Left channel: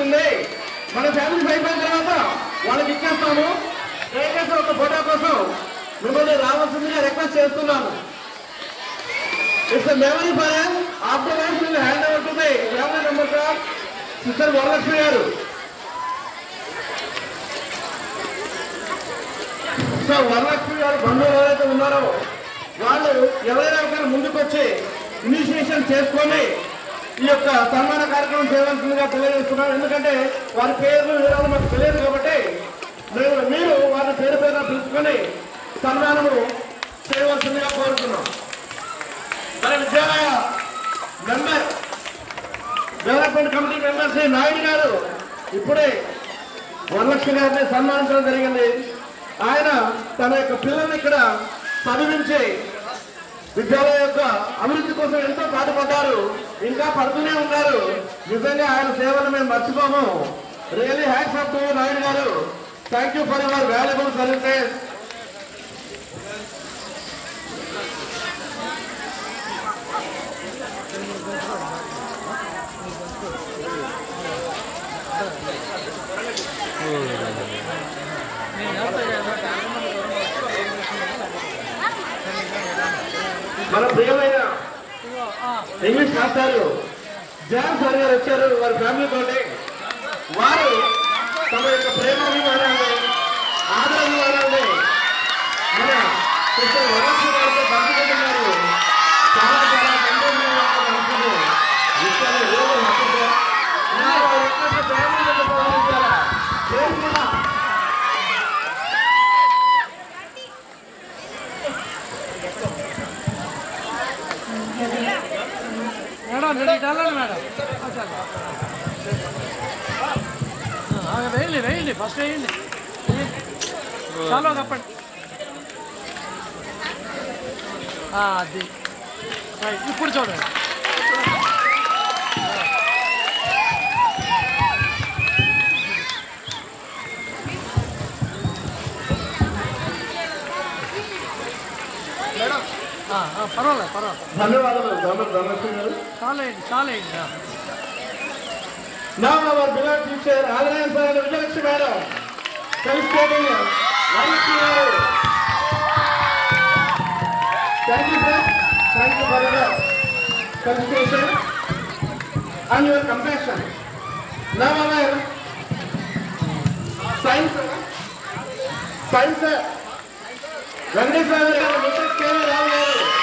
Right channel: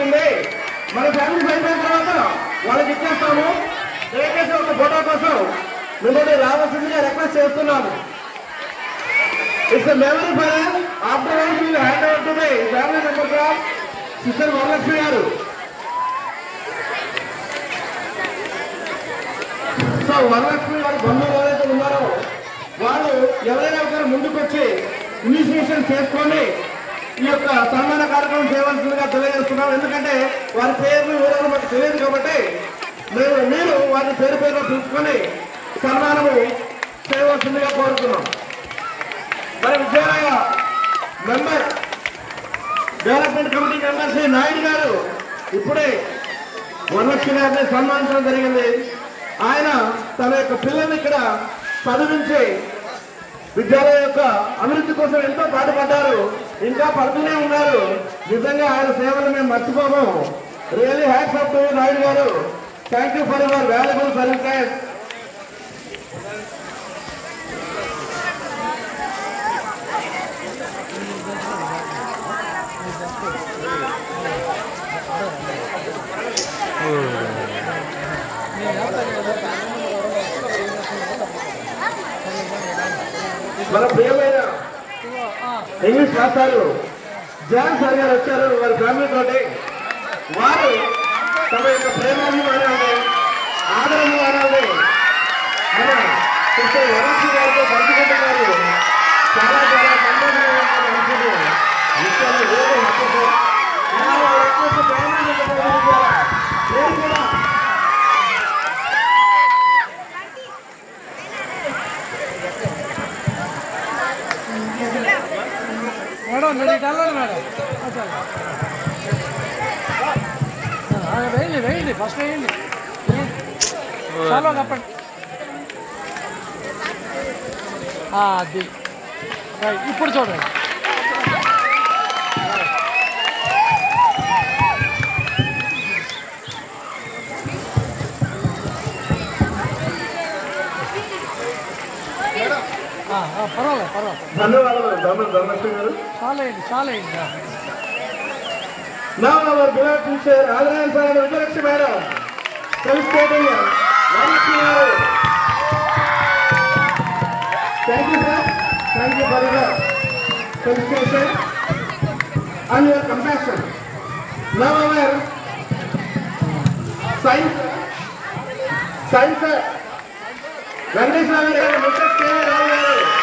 అవుతుంది. మన ఫ్యామిలీ అయిపోయిన తర్వాత వాళ్ళకి ఇచ్చేస్తాము. దయచేసి ఒక ఫోటో కోసం మిమ్మల్ని రావాల్సిందిగా రిక్వెస్ట్ చేస్తున్నాను. It's memory for after hand over to the family members of sister Varalakshmi గారు. సో వరలక్ష్మి గారు బంధువులు ఎవరైతే ఉన్నారో వాళ్ళు ఎవరైనా ముందుకు వచ్చి ఇనిషియేషన్ చేసుకొని ఈ యొక్క సన్మాన కార్యక్రమం చేయవలసిందిగా తెలియజేస్తున్నాం. ఎందుకంటే వారి పేర్లు వివరాలు మాకు తెలియదు కాబట్టి మీరు వారి పేరు పేరున పిలుచుకొని సన్మానము చేయవలసిందిగా కోరుతున్నాం. మన విద్యాలయ member development committee member Shri Naidu గారు ఇప్పుడే వరలక్ష్మి గారిని సన్మానించడం జరిగింది. ఆయన తన యొక్క పిల్లల్ని ఇక్కడ చదివించి విద్యాలయం యొక్క అభివృద్ధి కోసం ఎంతో పాటుపడ్డారు, ఇంకా పడుతూనే ఉన్నారు. నిజంగా ఆయన సేవలు మేము మర్చిపోము. Really hats off to Naidu గారు. Thank you for your valuable services. మన ప్రియమైన ఇంగ్లీష్ మాస్టారు జాన్ సార్ గారు వచ్చారు. వారి ఫ్యామిలీతో వారు తమ యొక్క ప్రేమాభిమానాన్ని ఆదరణాన్ని మన సిస్టర్ వరలక్ష్మి గారితో పంచుకుంటున్నారు. చాలా చాలా సంతోషంగా పంచుకుంటూ విషయాలు ఏదో కూడా వేయండి ఫస్ట్ వేయండి. చాలా తప్పండి. అది ఇప్పుడు చూడండి. పర్వాలేదు. ధన్యవాదాలు ధనలక్ష్మి గారు. చాలా వేయండి. Now our beloved teacher, Adrian sir and Vijayalakshmi madam, felicitating Varalakshmi garu. Thank you sir. Thank you for your felicitation and your compassion. Now our science Venkatesh Rao garu, Mrs. K. Rao garu.